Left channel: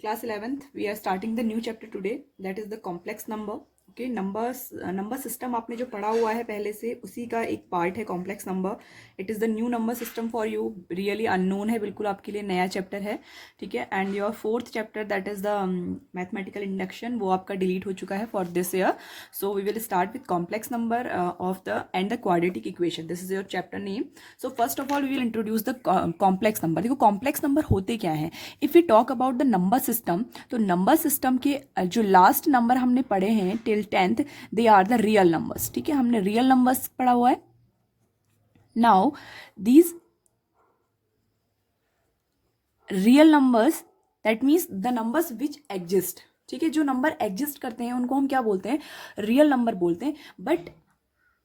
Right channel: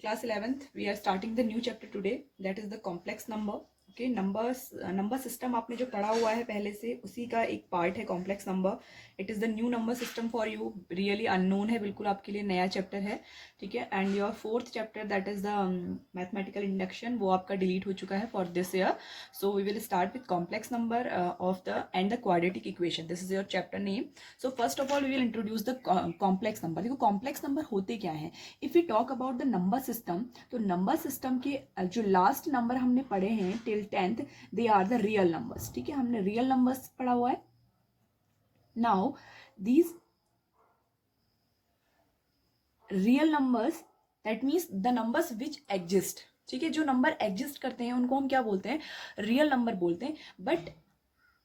class 11th we are starting the new chapter today, that is the complex number. Okay, number system आपने जो पढ़ा हुआ है पहले से, उसी का एक पार्ट है complex number. It is the new number system for you, really unknown है, बिल्कुल आपके लिए नया चैप्टर है. ठीक है. And your fourth chapter that is the mathematical induction, वो आपका डिलीट हो चुका है for this year. So we will start with complex number of the and the quadratic equation. This is your chapter name. So first of all we will introduce the complex number. देखो complex number होते क्या है. If we talk about the number system, तो number system के जो last number हमने पढ़े हैं till 10th, they are the real numbers. ठीक है, हमने रियल नंबर्स पढ़ा हुआ है. Now these real numbers, that means the numbers which exist. ठीक है, जो नंबर एग्जिस्ट करते हैं उनको हम क्या बोलते हैं, रियल नंबर बोलते हैं. But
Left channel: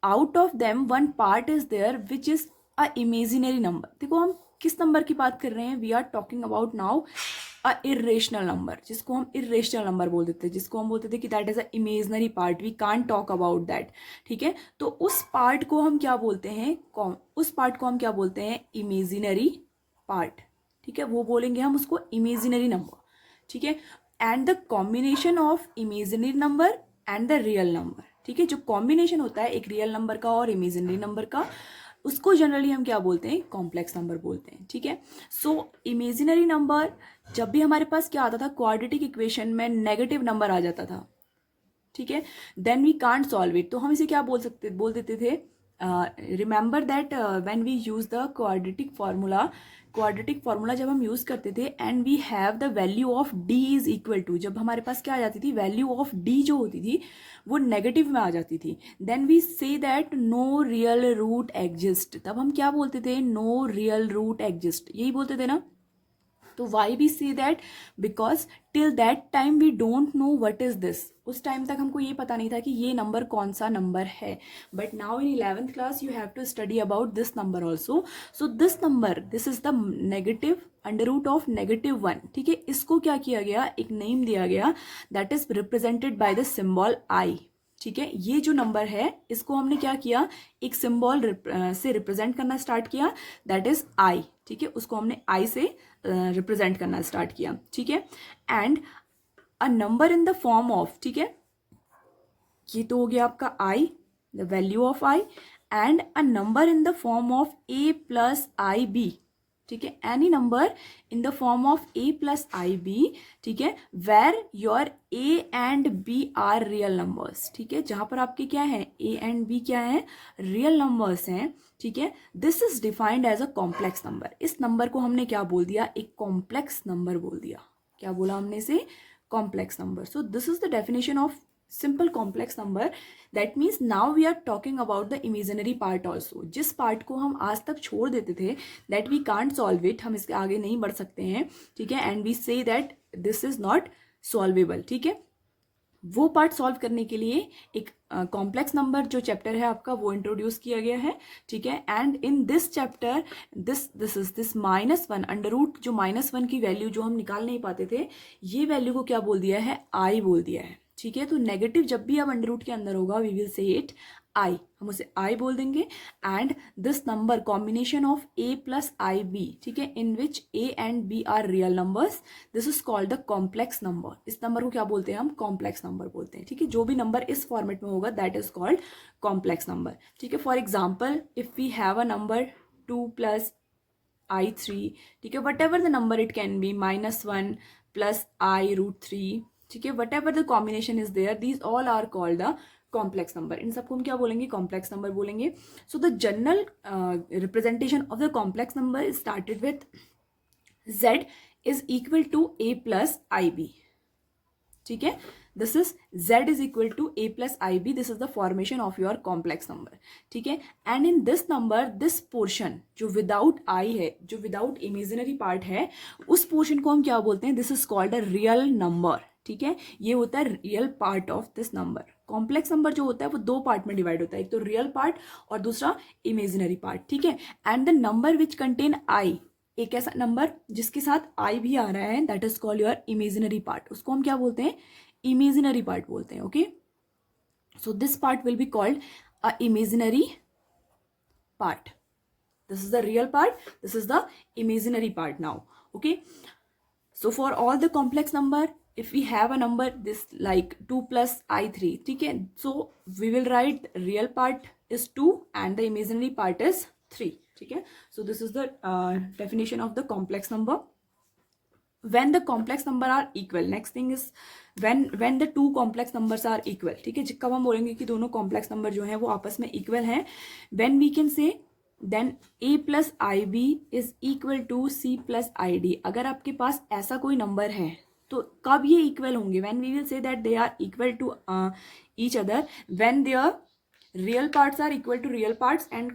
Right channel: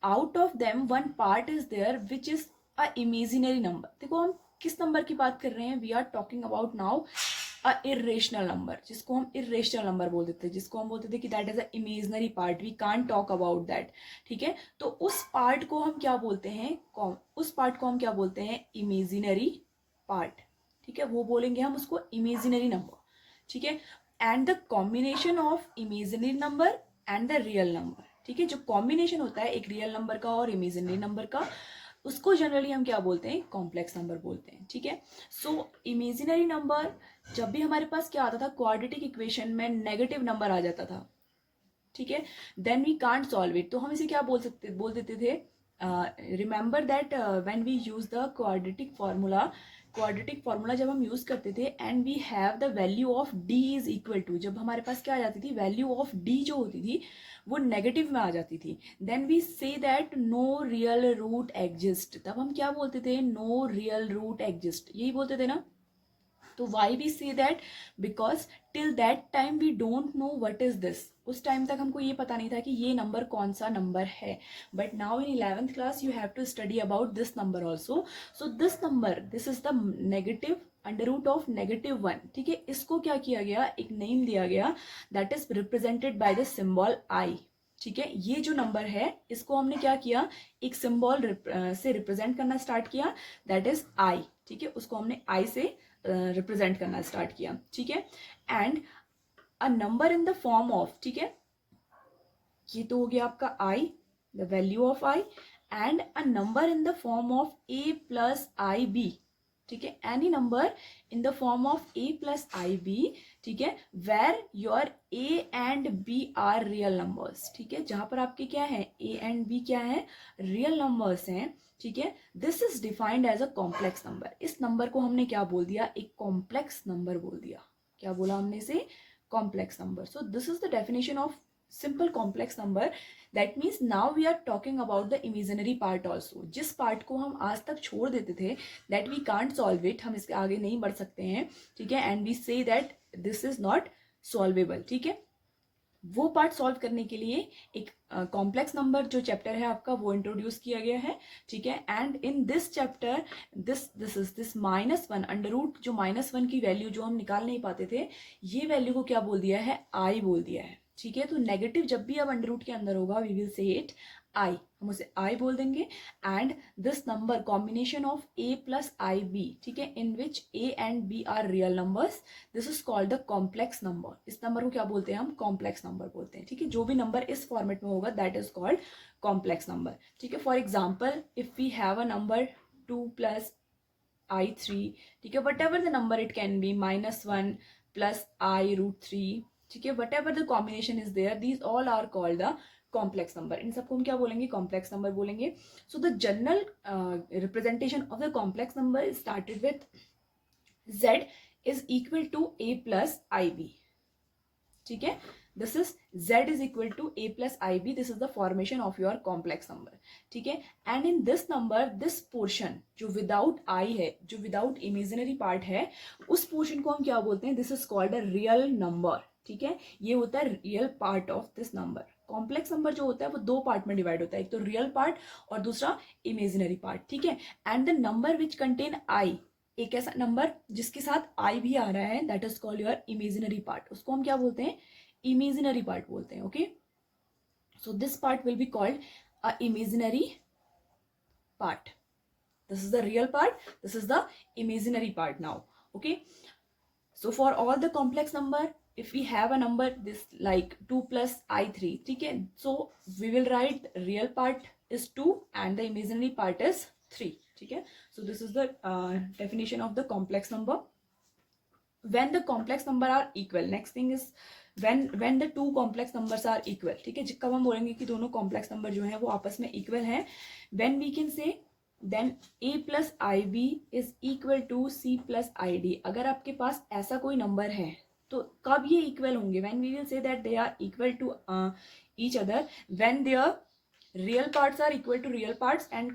out of them one part is there which is a imaginary number. देखो हम किस नंबर की बात कर रहे हैं, we are talking about now a irrational number, जिसको हम इरेशनल नंबर बोल देते हैं, जिसको हम बोलते थे कि that is a imaginary part, we can't talk about that. ठीक है, तो उस पार्ट को हम क्या बोलते हैं, उस पार्ट को हम क्या बोलते हैं, इमेजिनरी पार्ट. ठीक है, वो बोलेंगे हम उसको इमेजिनरी नंबर. ठीक है, and the combination of imaginary number and the real number. ठीक है, जो कॉम्बिनेशन होता है एक रियल नंबर का और इमेजिनरी नंबर का, उसको जनरली हम क्या बोलते हैं, कॉम्प्लेक्स नंबर बोलते हैं. ठीक है, सो इमेजिनरी नंबर, जब भी हमारे पास क्या आता था, क्वाड्रेटिक इक्वेशन में नेगेटिव नंबर आ जाता था. ठीक है, then we can't solve it, तो हम इसे क्या बोल देते थे, remember that when we use the quadratic formula जब हम यूज करते थे, and we have the value of D is equal to, जब हमारे पास क्या आ जाती थी, वैल्यू ऑफ डी जो होती थी वो नेगेटिव में आ जाती थी, then we say that no real root exist. तब हम क्या बोलते थे, नो रियल रूट एग्जिस्ट, यही बोलते थे ना. तो why we see that, because till that time we don't know what is this. उस टाइम तक हमको ये पता नहीं था कि ये नंबर कौन सा नंबर है. But now in 11th class you have to study about this number also. So this number, this is the negative under root of -1. ठीक है, इसको क्या किया गया, एक नेम दिया गया, that is represented by the symbol I. ठीक है, ये जो नंबर है इसको हमने क्या किया, एक सिंबल से रिप्रेजेंट करना स्टार्ट किया, दैट इज आई. ठीक है, उसको हमने आई से रिप्रेजेंट करना स्टार्ट किया. ठीक है, and a number in the form of, ठीक है, ये तो हो गया आपका I, the value of I, and a number in the form of A plus I B. ठीक है, any number in the form of A plus I B. ठीक है, where your A and B are real numbers. ठीक है, जहां पर आपके क्या है, ए एंड बी क्या है, रियल नंबर्स हैं. ठीक है, this is defined as a complex number. इस नंबर को हमने क्या बोल दिया, एक कॉम्प्लेक्स नंबर बोल दिया. क्या बोला हमने इसे, complex number. So this is the definition of simple complex number. That means now we are talking about the imaginary part also. जिस पार्ट को हम आज तक छोड़ देते थे, that we can't solve it, हम इसके आगे नहीं बढ़ सकते हैं. ठीक है, and we say that this is not solvable. ठीक है, वो पार्ट सॉल्व करने के लिए एक कॉम्प्लेक्स नंबर जो चैप्टर है आपका वो इंट्रोड्यूस किया गया है. ठीक है, and in this chapter this is this -1 under root, जो -1 की वैल्यू जो हम निकाल नहीं पाते थे, ये वैल्यू को क्या बोल दिया है, आई बोल दिया है. ठीक है, तो नेगेटिव जब भी अब अंडर रूट के अंदर होगा, we will say it I, हम उसे आई बोल देंगे. And this number combination of A plus I B, ठीक है, in which A and B are real numbers, this is called the complex number. इस नंबर को क्या बोलते हैं हम, कॉम्प्लेक्स नंबर बोलते हैं. ठीक है, जो भी नंबर इस फॉर्मेट में होगा that is called complex number. ठीक है, for example if we have a number 2 plus i3, ठीक है, whatever the number it can be, -1 plus i√3. ठीक है, whatever the combination is there, these all are called the complex number. इन सबको हम क्या बोलेंगे, complex number बोलेंगे. So the general representation of the complex number is started with z is equal to a plus ib. ठीक है, this is z is equal to a plus ib, this is the formation of your complex number. ठीक है, and in this number this portion जो without i है, जो without imaginary part है, उस portion को हम क्या बोलते हैं, this is called a real number. ठीक है, ये होता है real part of this number. Complex number जो होता है वो दो पार्ट में डिवाइड होता है, एक तो रियल पार्ट और दूसरा इमेजिनरी पार्ट. ठीक है, and the number which contain I, एक ऐसा नंबर जिसके साथ आई भी आ रहा है, that is called your imaginary part. उसको हम क्या बोलते हैं, इमेजिनरी पार्ट बोलते हैं. Okay, so this part will be called a imaginary part. This is the real part, this is the imaginary part now. Okay, So for all the complex number, if we have a number this like 2 plus I3, ठीक है, so we will write real part is 2 and the imaginary part is 3, ठीक है. So this is the definition of the complex number. When the complex number are equal, next thing is when the two complex numbers are equal, ठीक है, कब हम बोलेंगे कि दोनों complex number जो है वो आपस में equal हैं, when we can say then a plus ib is equal to c plus id. अगर आपके पास ऐसा कोई नंबर है तो कब ये इक्वल होंगे, when we will say that they are equal to each other when their real parts are equal to real parts and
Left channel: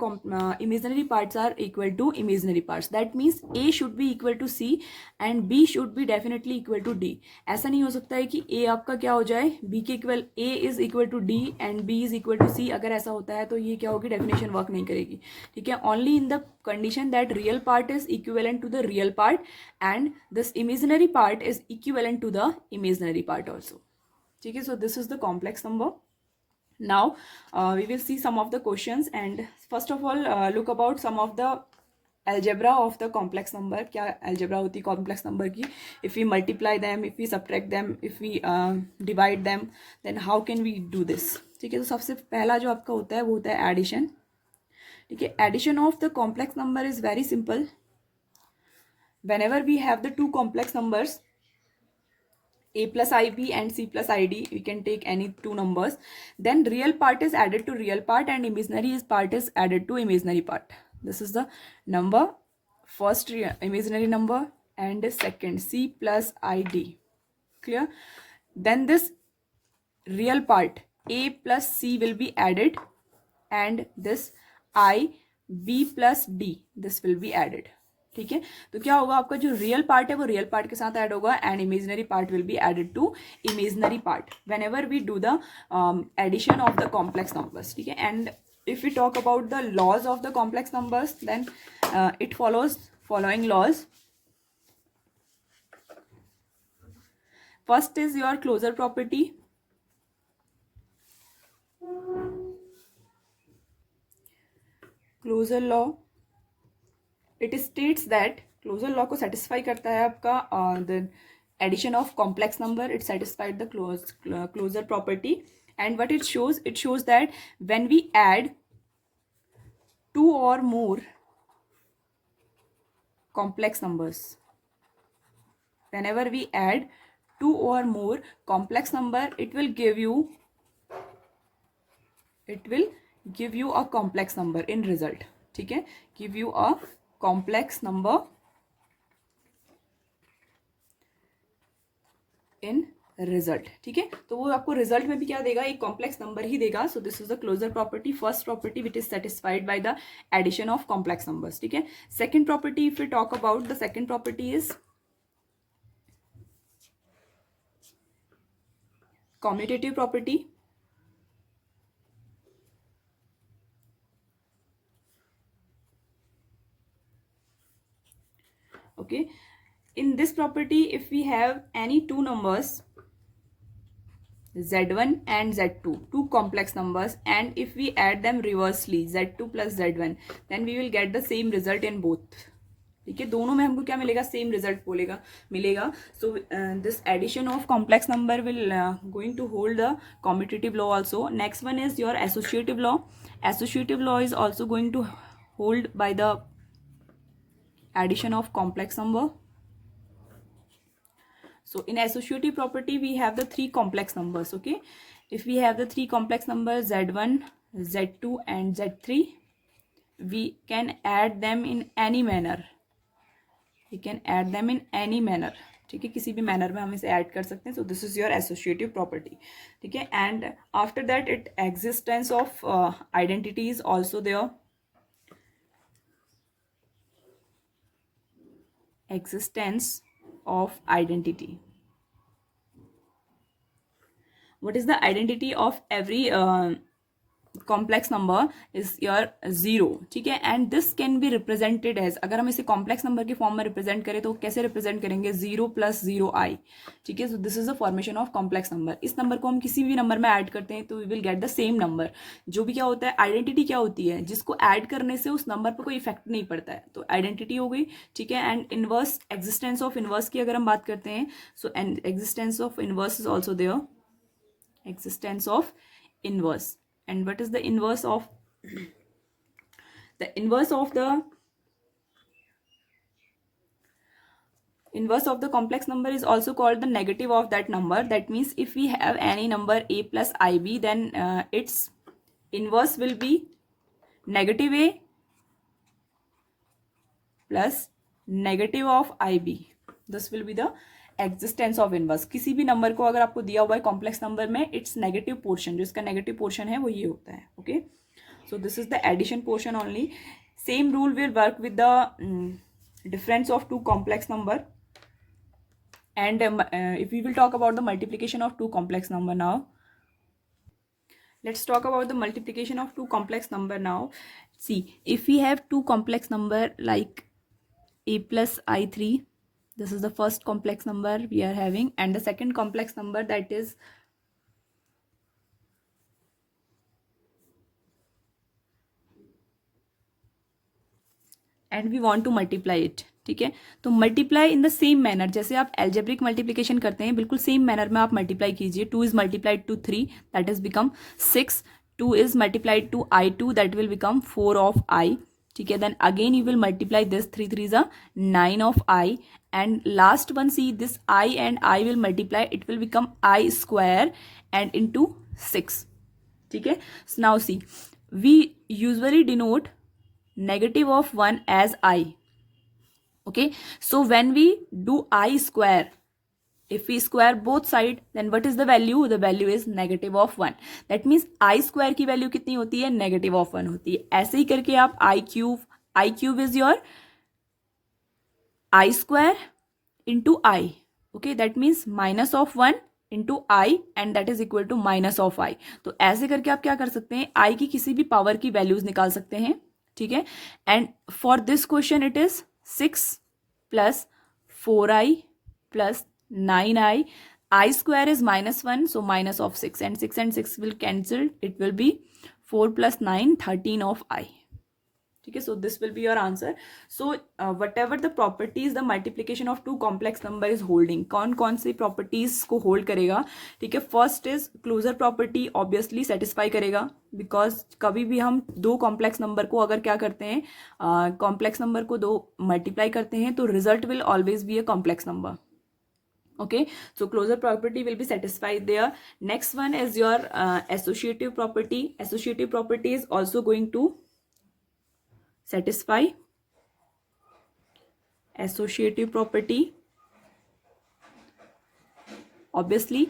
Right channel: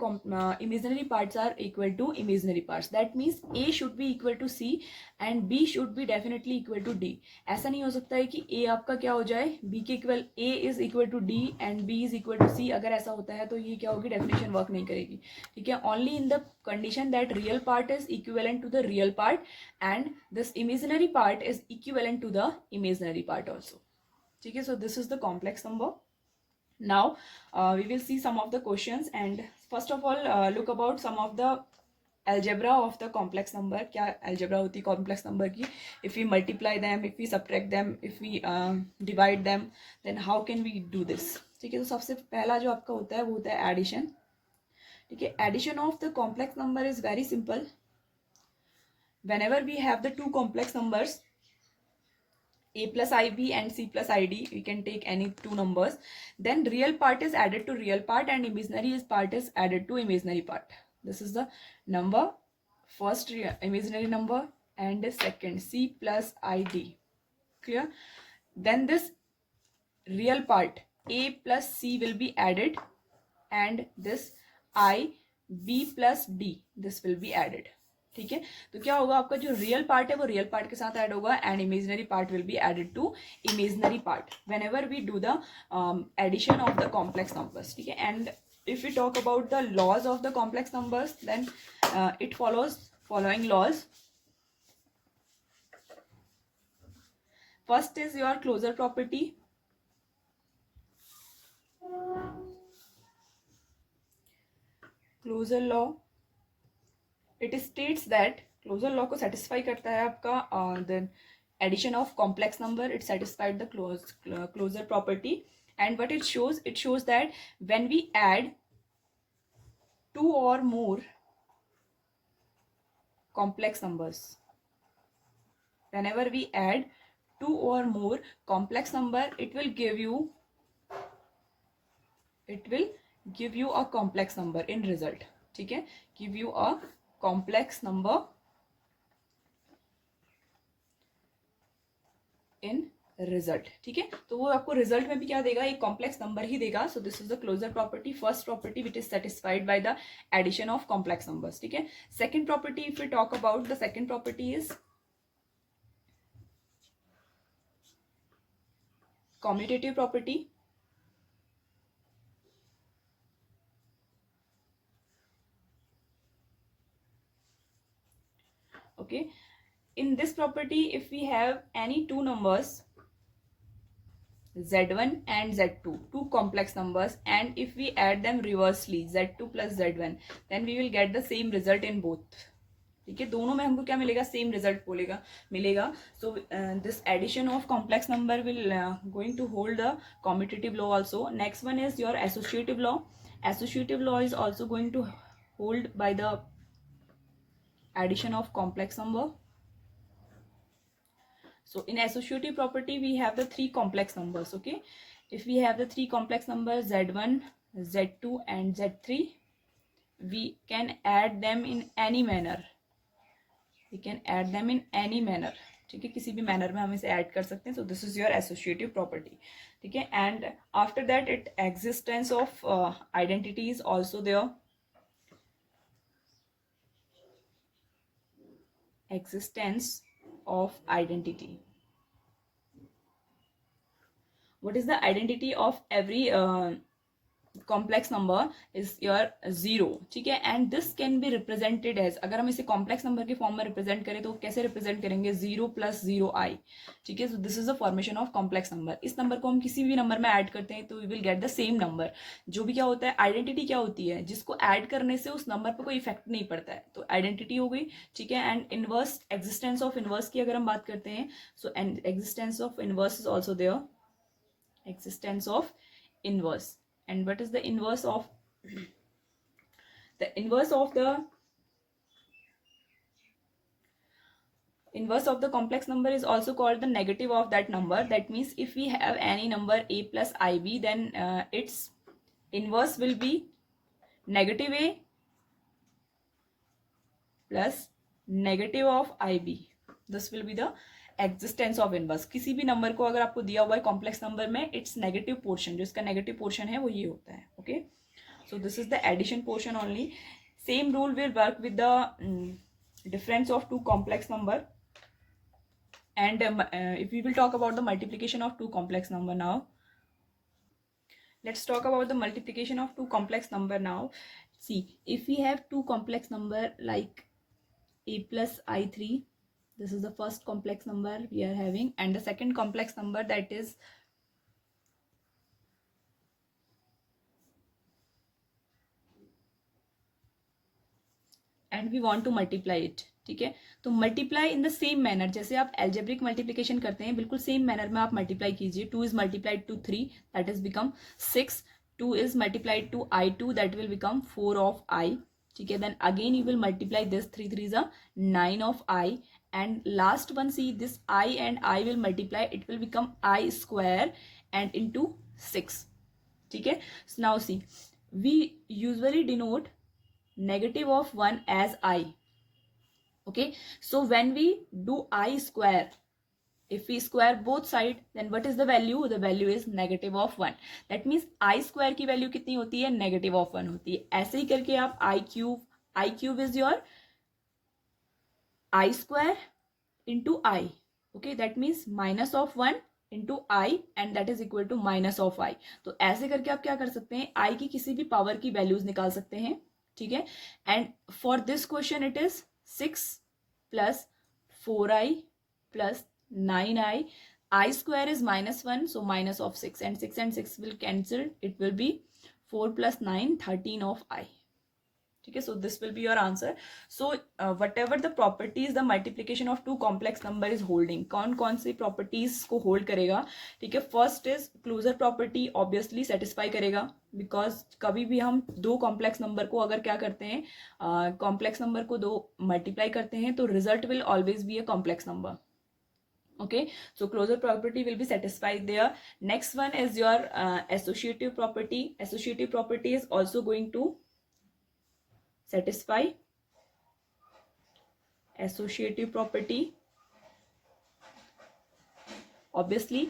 imaginary parts are equal to imaginary parts. That means a should be equal to c and b should be definitely equal to d. ऐसा नहीं हो सकता है कि a आपका क्या हो जाए b के equal, a is equal to d and b is equal to c. अगर ऐसा होता है तो ये क्या होगी, डेफिनेशन वर्क नहीं करेगी, ठीक है. Only in the condition that real part is equivalent to the real part and this imaginary part is equivalent to the imaginary part also, ठीक है. So this is the complex number. Now we will see some of the questions and first of all look about some of the algebra of the complex number. क्या algebra होती है complex number की, if we multiply them, if we subtract them, if we divide them, then how can we do this, ठीक है. तो सबसे पहला जो आपका होता है वो होता है एडिशन, ठीक है. Addition of the complex number is very simple. whenever we have the two complex numbers a plus ib and c plus id, we can take any two numbers, then real part is added to real part and imaginary part is added to imaginary part. This is the number, first imaginary number and second c plus id, clear. Then this real part a plus c will be added and this I b plus d, this will be added, ठीक है. तो क्या होगा, आपका जो real part है वो real part के साथ ऐड होगा and imaginary part will be added to imaginary part whenever we do the addition of the complex numbers, ठीक है. And if you talk about the laws of the complex numbers then it follows following laws. First is your closure property. Closure law, it states that, closure law को satisfy करता है आपका the addition of complex number, it satisfied the closure property and what it shows that when we add two or more complex numbers, whenever we add two or more complex number, it will give you a complex number in result, ठीक है. give you a complex number in result, ठीक है. तो वो आपको result में भी क्या देगा, एक कॉम्प्लेक्स नंबर ही देगा. So this is the closure property, first property which is satisfied by the addition of complex numbers, ठीक है. Second property, if you talk about the second property is commutative property. Okay, in this property if we have any two numbers z1 and z2, two complex numbers, and if we add them reversely z2 plus z1, then we will get the same result in both, ठीक है. दोनों में हमको क्या मिलेगा, same result मिलेगा. So this addition of complex number will going to hold the competitive law also. Next one is your associative law. Associative law is also going to hold by the addition of complex number. So in associative property we have the three complex numbers, okay. If we have the three complex numbers z1, z2 and z3, we can add them in any manner, ठीक है. किसी भी manner में हम इसे add कर सकते हैं. So this is your associative property, ठीक है. And after that it existence of identity is also there. Existence of identity. What is the identity of every complex number is your zero, ठीक है, and this can be represented as, अगर हम इसे complex number के form में represent करें तो कैसे रिप्रेजेंट करेंगे, 0 + 0i, ठीक है। So this is the formation of complex number. इस नंबर को हम किसी भी नंबर में ऐड करते हैं तो we will get the same number. जो भी क्या होता है, आइडेंटिटी क्या होती है, जिसको ऐड करने से उस नंबर पर कोई इफेक्ट नहीं पड़ता है, तो आइडेंटिटी हो गई, ठीक है। And inverse, existence of inverse की अगर हम बात करते हैं, so existence of inverse is also there, existence of inverse. And what is the inverse of the inverse of the inverse of the complex number is also called the negative of that number. That means if we have any number a plus ib, then its inverse will be negative a plus negative of ib. This will be the existence of inverse. किसी भी number को अगर आपको दिया हुआ है complex number में, its negative portion, जो इसका नेगेटिव पोर्शन है वो ये होता है, okay. So this is the addition portion only. Same rule will work with the difference of two complex number, and if we will talk about the multiplication of two complex number now, let's talk about the multiplication of two complex number now. See, if we have two complex number like a plus i3, this is the first complex number we are having, and the second complex number, that is and we want to multiply it, ठीक है। तो multiply in the same manner, जैसे आप algebraic multiplication करते हैं, बिल्कुल same manner में आप मल्टीप्लाई कीजिए। 2 is multiplied to 3, that is become 6। 2 is multiplied to i2, that will become 4 of i, ठीक है। Then again you will multiply this, 3 3 is 9 of i, and last one, see this I and I will multiply, it will become I square and into 6, ठीक है। So now see, we usually denote negative of 1 as I, okay। So when we do I square, if we square both side, then what is the value, the value is negative of 1। that means I square की value कितनी होती है, negative of 1 होती है। ऐसे ही करके आप I cube is your I square into I, okay, that means minus of 1 into I, and that is equal to minus of I। तो ऐसे करके आप क्या कर सकते हैं, I की किसी भी पावर की वैल्यूज निकाल सकते हैं, ठीक है। And for this question it is 6 plus 4i plus 9i, I square is -1, so minus of 6, and 6 and 6 will cancel, it will be 4 plus 9, 13 of I, ठीक है। So this will be your answer. So whatever the properties the multiplication of two complex number is holding, कौन कौन सी properties को hold करेगा, ठीक है। First is closure property, obviously satisfy करेगा, बिकॉज कभी भी हम दो कॉम्प्लेक्स नंबर को अगर क्या करते हैं, कॉम्प्लेक्स नंबर को दो मल्टीप्लाई करते हैं, तो result will always be a complex number, okay। So closure property will be satisfied there। next one is your associative property। associative property is also going to satisfy associative property, obviously।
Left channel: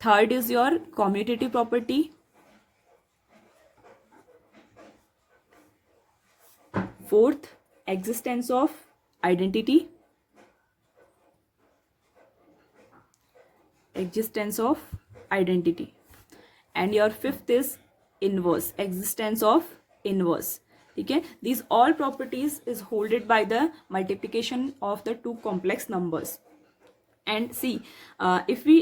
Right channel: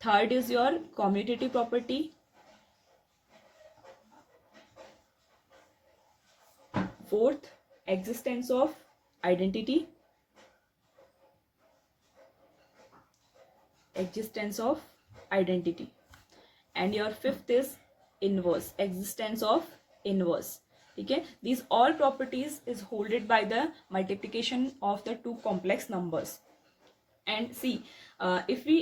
third is your commutative property, fourth existence of identity, and your fifth is inverse, existence of inverse, ठीक है। these all properties is holded by the multiplication of the two complex numbers। and see, if we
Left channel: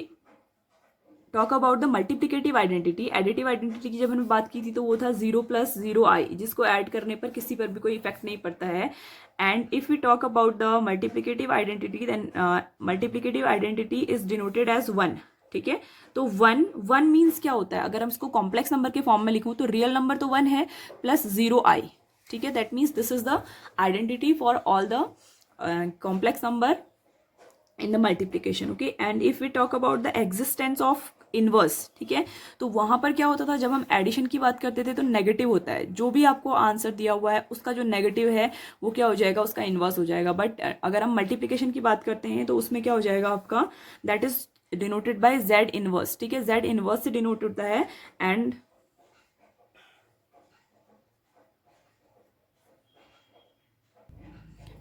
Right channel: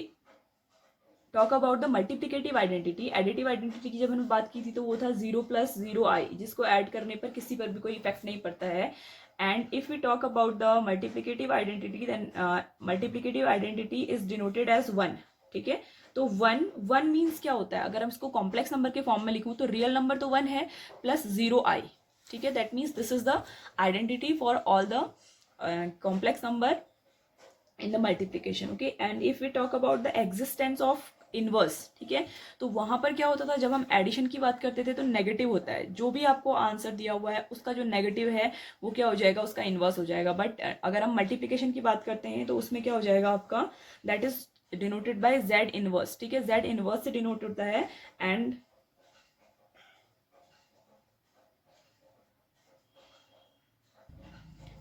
talk about the multiplicative identity, additive identity की जब हमने बात की थी तो वो था 0 + 0i, जिसको ऐड करने पर किसी पर भी कोई इफेक्ट नहीं पड़ता है। And if we talk about the multiplicative identity, then multiplicative identity is denoted as 1, ठीक है। तो 1 मीन्स क्या होता है, अगर हम इसको कॉम्प्लेक्स नंबर के फॉर्म में लिखूं तो रियल नंबर तो 1 है प्लस 0i, ठीक है। That means this is the identity for all the complex number in the multiplication, okay। and if we talk about the existence of inverse, ठीक है, तो वहां पर क्या होता था, जब हम एडिशन की बात करते थे तो नेगेटिव होता है, जो भी आपको आंसर दिया हुआ है उसका जो नेगेटिव है वो क्या हो जाएगा, उसका इनवर्स हो जाएगा। बट अगर हम मल्टीप्लिकेशन की बात करते हैं तो उसमें क्या हो जाएगा आपका, that is denoted bye Z inverse, ठीक है। जेड इनवर्स से डिनोट होता है,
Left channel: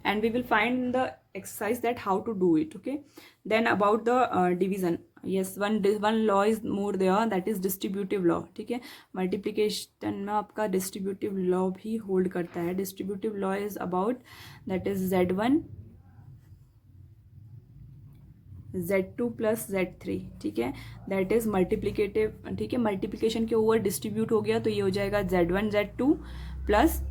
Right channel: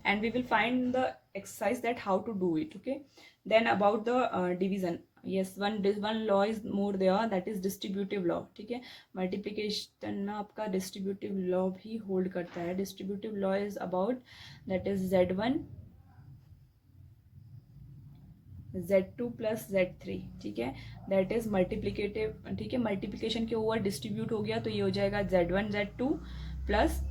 and we will find the exercise that how to do it, okay। Then about the division, yes one law is more there, that is distributive law, ठीक है। Multiplication में आपका distributive law भी hold करता है। Distributive law is about that is Z1 Z2 plus Z3, ठीक है, that is multiplicative, ठीक है। मल्टीप्लिकेशन के ओवर डिस्ट्रीब्यूट हो गया तो ये हो जाएगा Z1 Z2 plus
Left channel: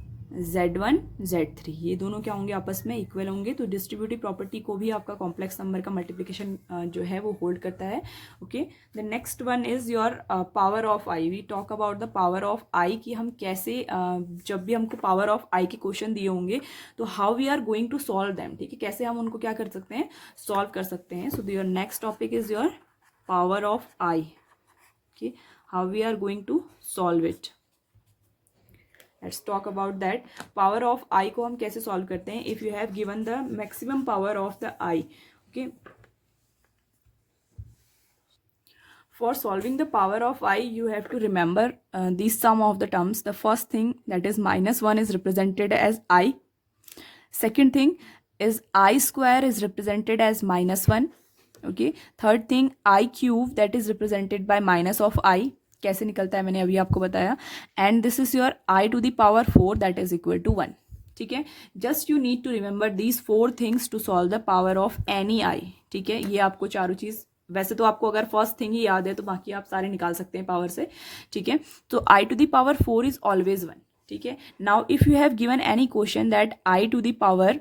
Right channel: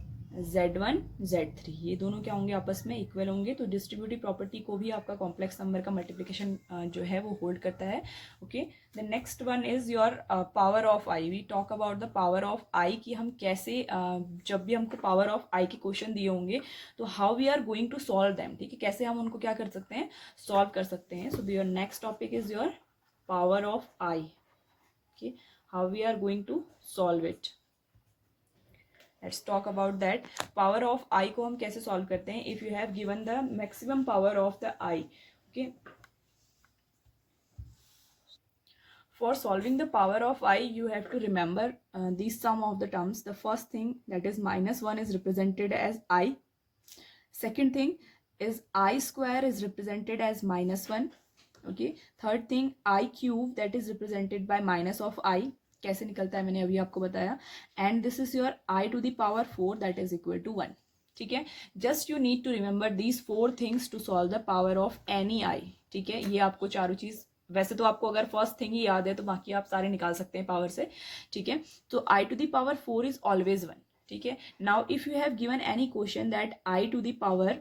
Z1 Z3, ये दोनों क्या होंगे, आपस में इक्वल होंगे। तो डिस्ट्रीब्यूटिव प्रॉपर्टी को भी आपका कॉम्प्लेक्स नंबर का मल्टीप्लिकेशन जो है वो होल्ड करता है। Okay, the next one is your power of I. We talk about the power of I, कि हम कैसे जब भी हमको पावर ऑफ आई के क्वेश्चन दिए होंगे तो how we are going to solve them, ठीक है, कैसे हम उनको क्या कर सकते हैं, सॉल्व कर सकते हैं। So your next topic is your power of I, okay, how we are going to solve it. Let's talk about that. Power of I को हम कैसे सॉल्व करते हैं, if you have given the maximum power of the I, okay. For solving the power of I, you have to remember these sum of the terms. The first thing, that is -1 is represented as I. Second thing is I square is represented as -1. Okay. Third thing, I cube, that is represented by minus of I. कैसे निकलता है मैंने अभी आपको बताया। And this is your I to the power 4, that is equal to 1, ठीक है। Just you need to remember these 4 things to solve the power of any I, ठीक है। ये आपको चारों चीज, वैसे तो आपको अगर फर्स्ट थिंग ही याद है तो बाकी आप सारे निकाल सकते हैं पावर से, ठीक है। तो I to the power 4 is always 1, ठीक है। Now if you have given any question that I to the power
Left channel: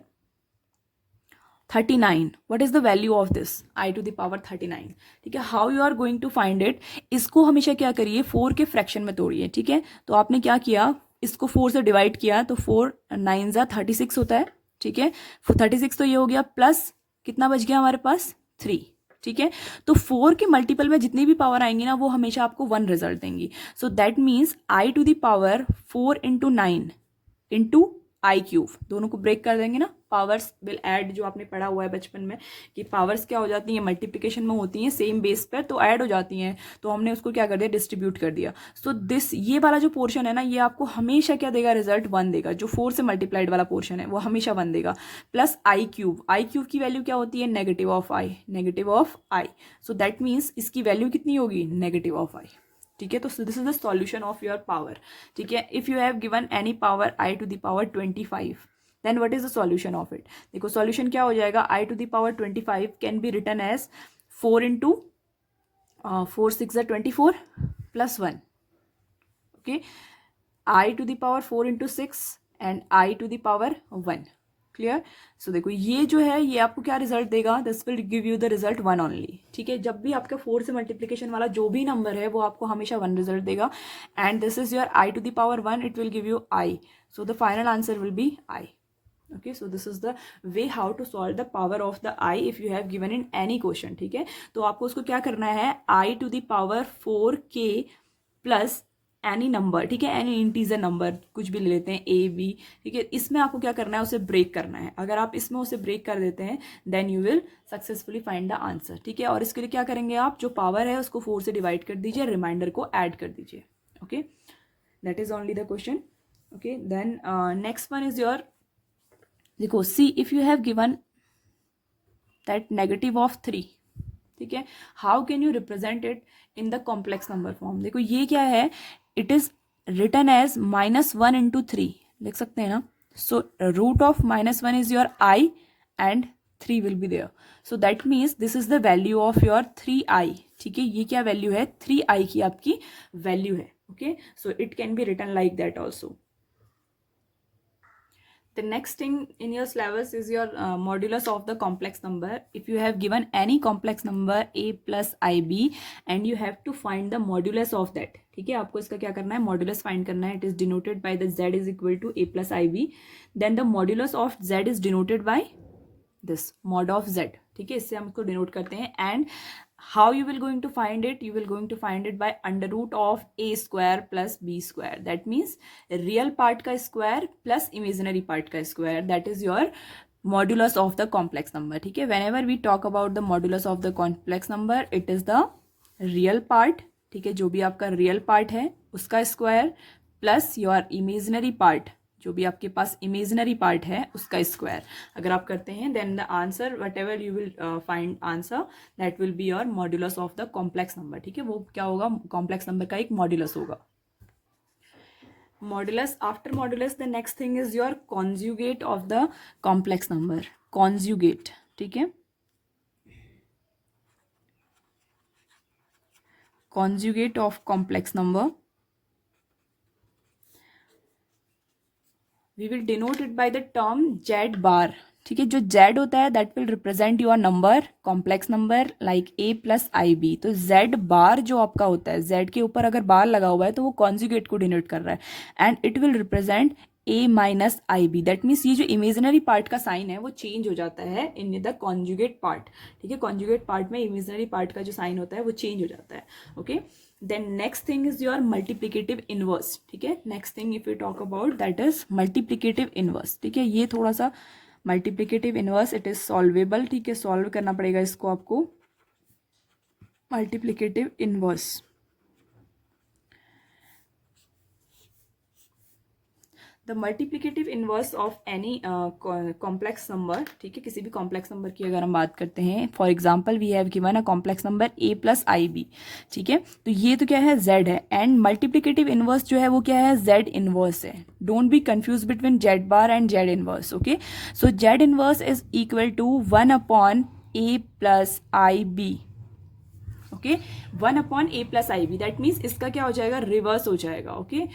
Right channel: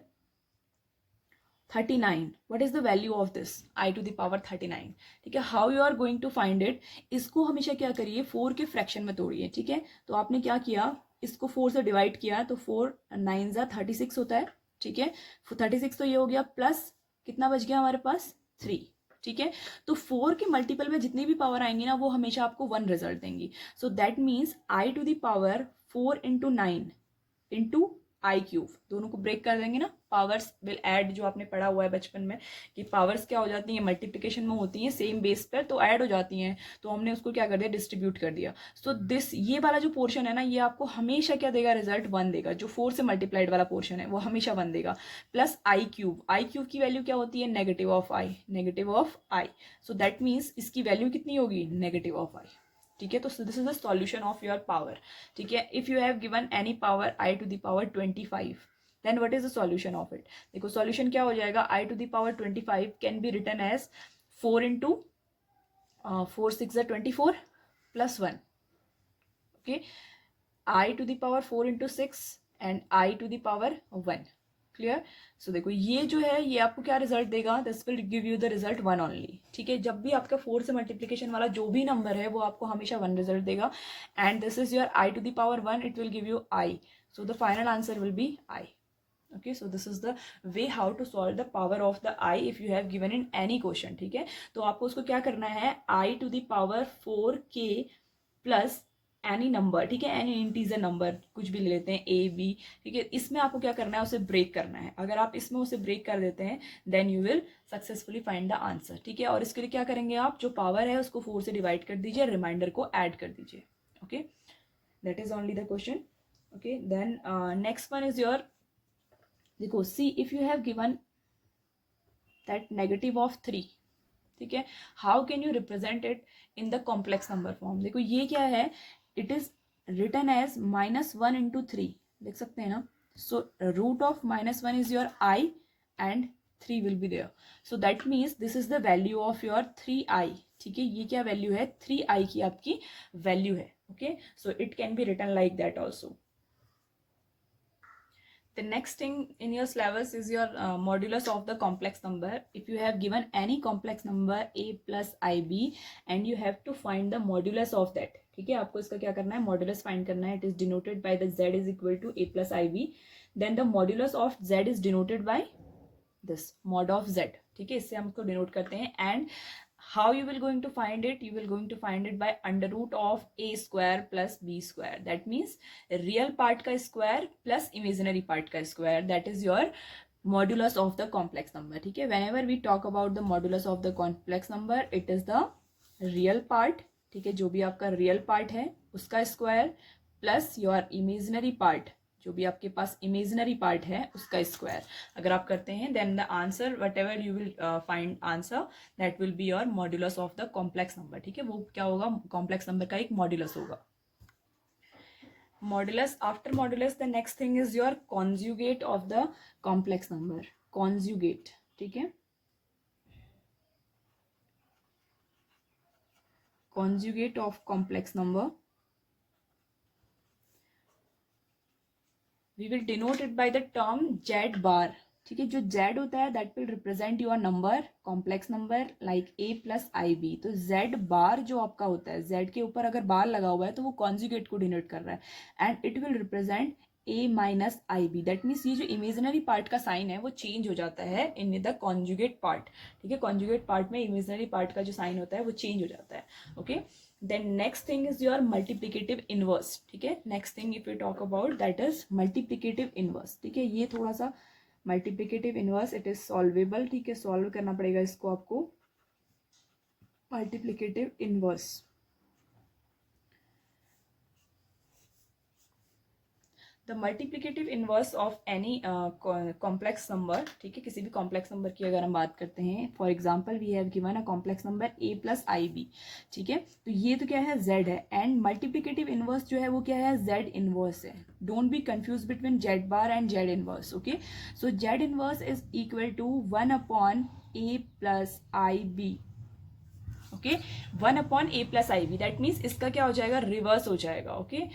39, what is the value of this I to the power 39, ठीक है। How you are going to find it, इसको हमेशा क्या करिए, 4 के fraction में तोड़िए, ठीक है। तो आपने क्या किया, इसको 4 से डिवाइड किया तो 4 9 जा 36 होता है, ठीक है। 36 तो ये हो गया, प्लस कितना बच गया हमारे पास 3, ठीक है। तो 4 के मल्टीपल में जितनी भी पावर आएंगी ना वो हमेशा आपको 1 रिजल्ट देंगी। सो that means I to the power 4 into 9 into I cube, दोनों को ब्रेक कर देंगे ना, पावर्स विल ऐड, जो आपने पढ़ा हुआ है बचपन में कि पावर्स क्या हो जाती हैं, मल्टीप्लिकेशन में होती हैं सेम बेस पर तो ऐड हो जाती हैं, तो हमने उसको क्या कर दिया, डिस्ट्रीब्यूट कर दिया। सो दिस, ये वाला जो पोर्शन है ना, ये आपको हमेशा क्या देगा, रिजल्ट 1 देगा। जो 4 से मल्टीप्लाइड वाला पोर्शन है वो हमेशा 1 देगा। Plus I cube, I cube की वैल्यू क्या होती है, negative of I, negative of I. So that means इसकी वैल्यू कितनी होगी, नेगेटिव ऑफ आई, ठीक है। तो this is the solution of your power, ठीक है। If you have given any power I to the power 25, then what is the solution of it. देखो solution क्या हो जाएगा, I to the power 25 can be written as 4 into 4 6 24 plus 1, okay. I to the power 4 into 6 and I to the power 1, clear. So देखो ये जो है ये आपको क्या रिजल्ट देगा, this will give you the result 1 only, ठीक है। जब भी आपका 4 से मल्टीप्लिकेशन वाला जो भी नंबर है वो आपको हमेशा 1 रिजल्ट देगा। And this is your I to the power 1, it will give you I, so the final answer will be I, okay। So this is the way how to solve the power of the I if you have given in any question, ठीक है। तो आपको उसको क्या करना है, I to the power 4k plus any number, ठीक है, एनी इंटीजर नंबर कुछ भी ले लेते हैं, ए बी, ठीक है। इसमें आपको क्या करना है, उसे ब्रेक करना है। अगर आप इसमें उसे ब्रेक कर देते हैं then you will successfully find the answer, ठीक है। और इसके लिए क्या करेंगे, आप जो पावर है उसको 4 से डिवाइड कर दीजिए, रिमाइंडर को ऐड कर दीजिए, okay. That is only the question, okay. Then next one is your, देखो see if you have given that negative of 3, ठीक है, how can you represent it in the complex number form. देखो ये क्या है, it is written as -1 into 3, लिख सकते हैं ना। So root of -1 is your I and 3 will be there. So that means this is the value of your 3I, ठीक है। ये क्या वैल्यू है, 3I की आपकी वैल्यू है, okay. So it can be written like that also. The next thing in your syllabus is your modulus of the complex number. If you have given any complex number a plus ib and you have to find the modulus of that, ठीक है, आपको इसका क्या करना है, modulus find करना है। It is denoted by the z is equal to a plus ib, then the modulus of z is denoted by this mod of z, ठीक है, इससे हम इसको डिनोट करते हैं। And how you will going to find it, you will going to find it by under root of a square plus b square, that means real part का square plus imaginary part का square, that is your modulus of the complex number, ठीक है। whenever we talk about the modulus of the complex number, it is the real part, ठीक है, जो भी आपका real part है उसका square plus your imaginary part, जो भी आपके पास इमेजिनरी पार्ट है उसका स्क्वायर अगर आप करते हैं, then the answer whatever you will find answer that will be your modulus of the complex number. ठीक है, वो क्या होगा, कॉम्प्लेक्स नंबर का एक मॉड्यूलस होगा। Modulus, after modulus the next thing is your conjugate of the complex number. Conjugate, ठीक है, conjugate of complex number, we will denote it by the term z bar। ठीक है, जो z होता है that will represent your number, complex number like a plus I B. तो z bar जो आपका होता है, z के ऊपर अगर बार लगा हुआ है तो वो कॉन्जुगेट को डिनोट कर रहा है, and it will represent a minus I B. That means ये जो इमेजिनरी पार्ट का साइन है वो चेंज हो जाता है इन द कॉन्जुगेट पार्ट। ठीक है, कॉन्जुगेट पार्ट में इमेजिनरी पार्ट का जो साइन होता है वो चेंज हो जाता है। Okay, then next thing is your multiplicative inverse. ठीक है, next thing if you talk about that is multiplicative inverse. ठीक है, ये थोड़ा सा multiplicative inverse it is solvable. ठीक है, सॉल्व करना पड़ेगा इसको आपको। Multiplicative inverse, the multiplicative inverse of any complex number. ठीक है, किसी भी कॉम्प्लेक्स नंबर की अगर हम बात करते हैं, for example we have given a complex number a plus I B. ठीक है, तो ये तो क्या है, z है, एंड मल्टीप्लिकेटिव इनवर्स जो है वो क्या है, z इनवर्स है। Don't be confuse between z bar and z inverse. Okay, so z inverse is equal to 1 upon a plus I B. Okay, 1 upon a plus I B, that means इसका क्या हो जाएगा, reverse हो जाएगा। Okay,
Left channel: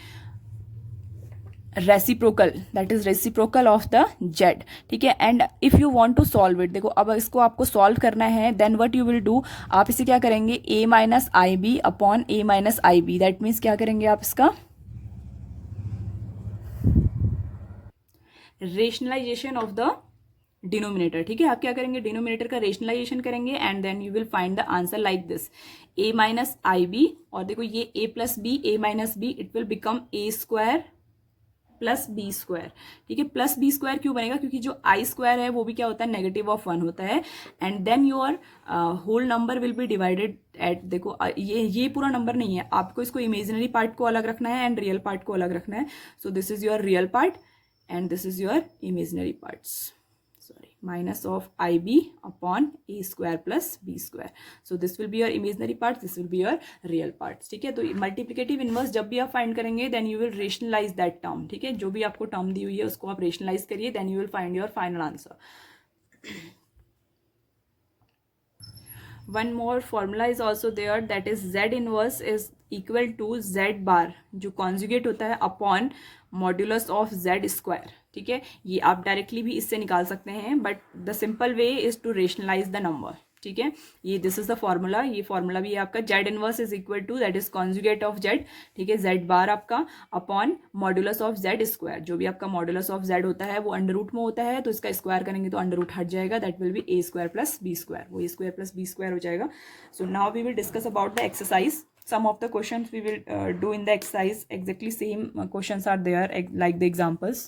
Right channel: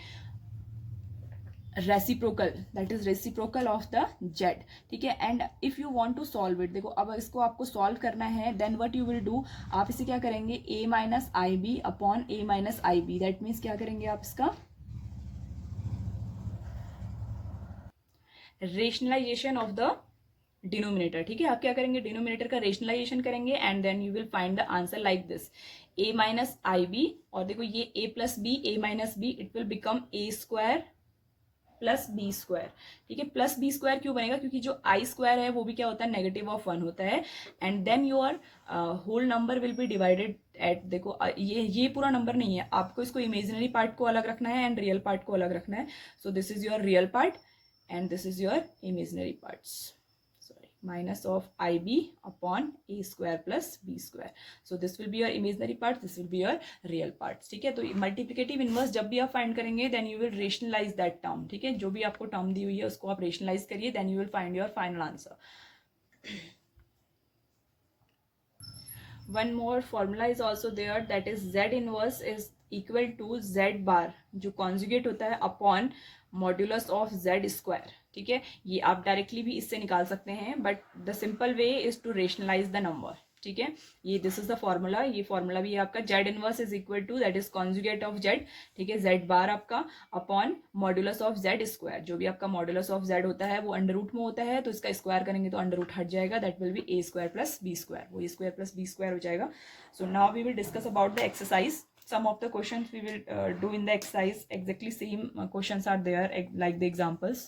reciprocal, that is reciprocal of the Z. ठीक है, and if you want to solve it, देखो अब इसको आपको सॉल्व करना है, then what you will do, आप इसे क्या करेंगे, a minus I B upon a minus I B. That means क्या करेंगे आप इसका रेशनलाइजेशन ऑफ द डिनोमिनेटर। ठीक है, आप क्या करेंगे, डिनोमिनेटर का रेशनलाइजेशन करेंगे, and then you will find the answer like this, a minus I B, और देखो ये a plus B, a minus B, it will become a square plus B square. ठीक है, प्लस बी स्क्वायर क्यों बनेगा, क्योंकि जो आई स्क्वायर है वो भी क्या होता है, नेगेटिव ऑफ 1 होता है, and then your whole number will be divided at, देखो ये पूरा नंबर नहीं है, आपको इसको इमेजिनरी पार्ट को अलग रखना है एंड रियल पार्ट को अलग रखना है। So this is your real part and this is your imaginary parts, minus of ib upon a square plus b square. So this will be your imaginary parts, this will be your real parts. ठीक है, तो multiplicative inverse जब भी आप find करेंगे then you will rationalise that term. ठीक है, जो भी आपको टर्म दी हुई है उसको आप रेशनलाइज करिए, then you will find your final answer. One more formula is also there, that is z inverse is equal to z bar, जो कॉन्जुगेट होता है upon modulus of z square. ठीक है, ये आप डायरेक्टली भी इससे निकाल सकते हैं, but the simple way is to rationalise the number. ठीक है, ये दिस इज द फॉर्मूला, ये फॉर्मूला भी आपका z inverse is equal to that is conjugate of z। ठीक है, z बार आपका upon modulus of z square, जो भी आपका मॉड्यूलस ऑफ z होता है वो अंडर रूट में होता है, तो इसका स्क्वायर करेंगे तो अंडर रूट हट जाएगा, that will be a square plus b square, वो a square plus b square हो जाएगा। So now we will discuss about the exercise. Some of the questions we will do in the exercise exactly same questions are there like the examples.